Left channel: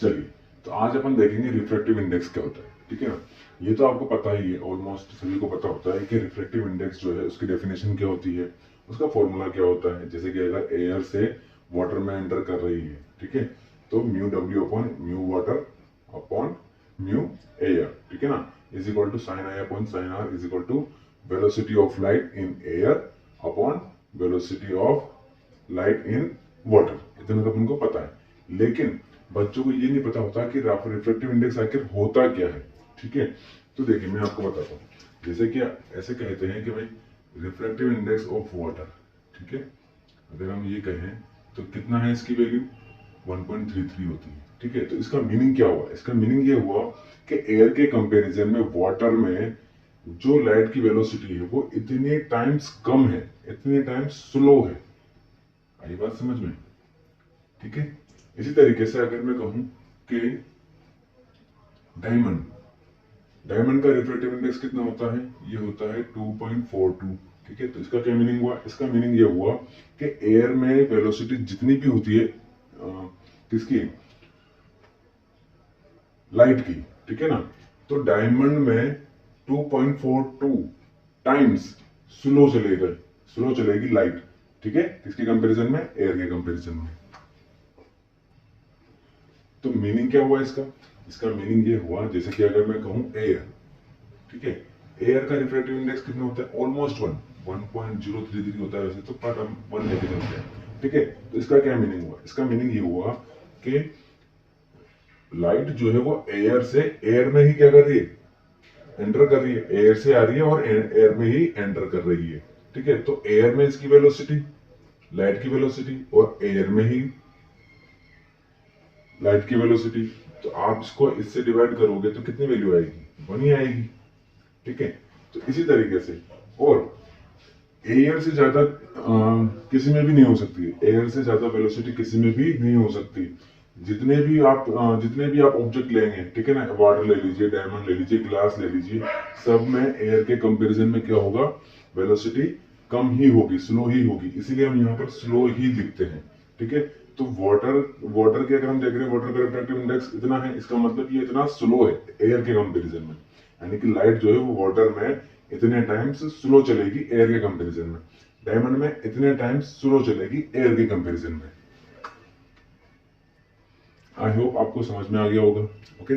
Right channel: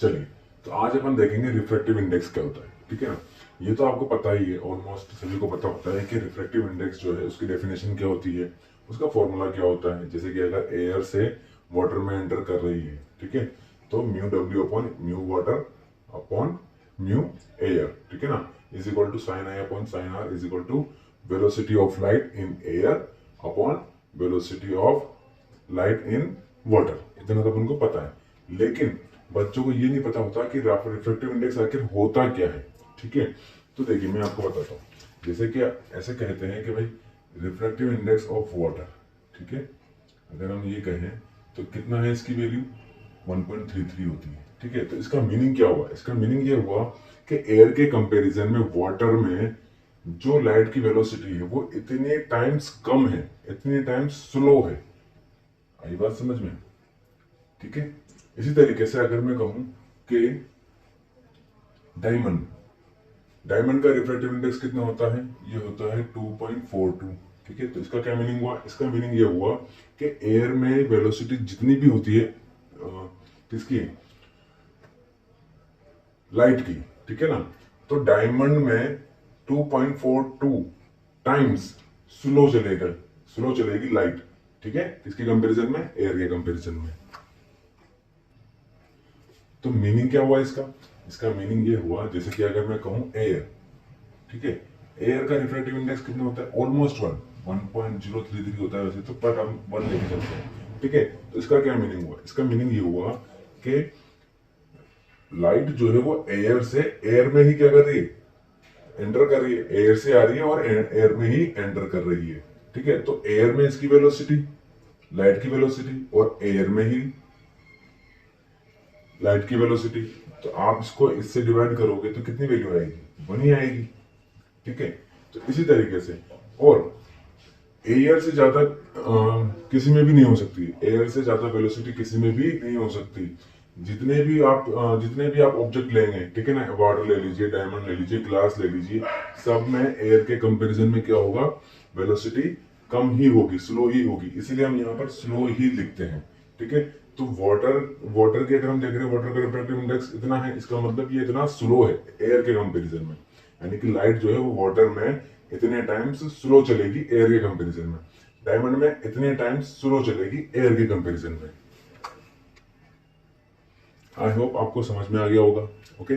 चलिए, तो आज अपन देखेंगे रिफ्रैक्टिव इंडेक्स क्या होता है। ठीक है ना, ये तो आपको पता ही है, ऑलमोस्ट सभी को पता होता है कि रिफ्रैक्टिव इंडेक्स जो है उसकी डेफिनेशन क्या होती है, उसका फॉर्मूला क्या होता है। जैसे कि अगर एयर से वाटर में एंटर कर रही है, ठीक है, तो म्यू डब्ल्यू upon mu water upon mu air, ठीक है ना, is equal to sine i upon sine r is equal to velocity of light in air upon velocity of light in water. इतना तो अपन को पता है, लेकिन बच्चों को ये नहीं पता होता कि रिफ्रैक्टिव इंडेक्स आखिर होता क्या है। ठीक है, तो देखिए मैं आपको बताता हूँ। जैसे कि ऐसे कहते हैं कि भाई रिफ्रैक्टिव इंडेक्स ऑफ वाटर, ठीक है, अगर हम ये कहें तो कितना है इसकी वैल्यू 1.33 होती है। ठीक है, तो इसका मीनिंग क्या हुआ, इसका मीनिंग ये हुआ कि एयर के कंपैरिजन में वाटर में जो लाइट की वेलोसिटी है वो इतनी टाइम्स कम है, इतनी टाइम्स स्लो है। आई बात समझ में? ठीक है, इसी तरीके से अगर मैं कहूं कि डायमंड डायमंड का रिफ्रैक्टिव इंडेक्स कितना होता है, ये होता है 2.42। ठीक है, तो इसका क्या मीनिंग हुआ, इसका मीनिंग ये हुआ कि एयर में वेलोसिटी जितनी भी होती है किसकी, लाइट की, ठीक है ना, तो डायमंड में 2.42 टाइम्स स्लो चलेगी लाइट। ठीक है, किसके कंपैरिजन में, एयर के कंपैरिजन में। तो मीनिंग क्या हुआ इसका, इसका मीनिंग ये हुआ जैसे कि अगर मैं कहूं एयर, ठीक है, एयर का रिफ्रैक्टिव इंडेक्स कितना होता है, ऑलमोस्ट 1.033 होता है वैसे तो, पर हम 1 लेके चलते हैं। ठीक है, तो इसका क्या मीनिंग हुआ, इसका मीनिंग ये हुआ कि लाइट जो है वो एयर में ही क्या कर रही है, एंटर कर रही है, एयर से आ रही है और एयर में ही एंटर कर रही है। ठीक है, तो एयर में इसकी वेलोसिटी, लाइट की वेलोसिटी, और एयर में ही लाइट की वेलोसिटी, तो आप इसको इससे डिवाइड करोगे तो कितनी वैल्यू आएगी, 1 ही आएगी। ठीक है, तो इसी तरीके से, और एयर से ज्यादा किसी में भी नहीं हो सकती, एयर से ज्यादा वेलोसिटी किसी में भी नहीं हो सकती। जितने भी आप ऑब्जेक्ट लेंगे, ठीक है ना, वाटर ले लीजिए, डायमंड ले लीजिए, ग्लास ले लीजिए, सब में एयर के कंपैरिजन में क्या होगा, वेलोसिटी कम ही होगी, स्लो ही होगी, इसीलिए हम यहाँ पर स्लो ही लिखते हैं। ठीक है, तो वाटर वाटर के अगर हम देख रहे हैं, वाटर का रिफ्रैक्टिव इंडेक्स इतना है, इसका मतलब ये इतना स्लो है एयर के कंपैरिजन में, यानी कि लाइट जो है वो वाटर में इतने टाइम्स स्लो चलेगी एयर के कंपैरिजन में, डायमंड में इतने टाइम्स स्लो चलेगी एयर के कंपैरिजन में। आई होप आपको समझ में आ गया होगा। ओके।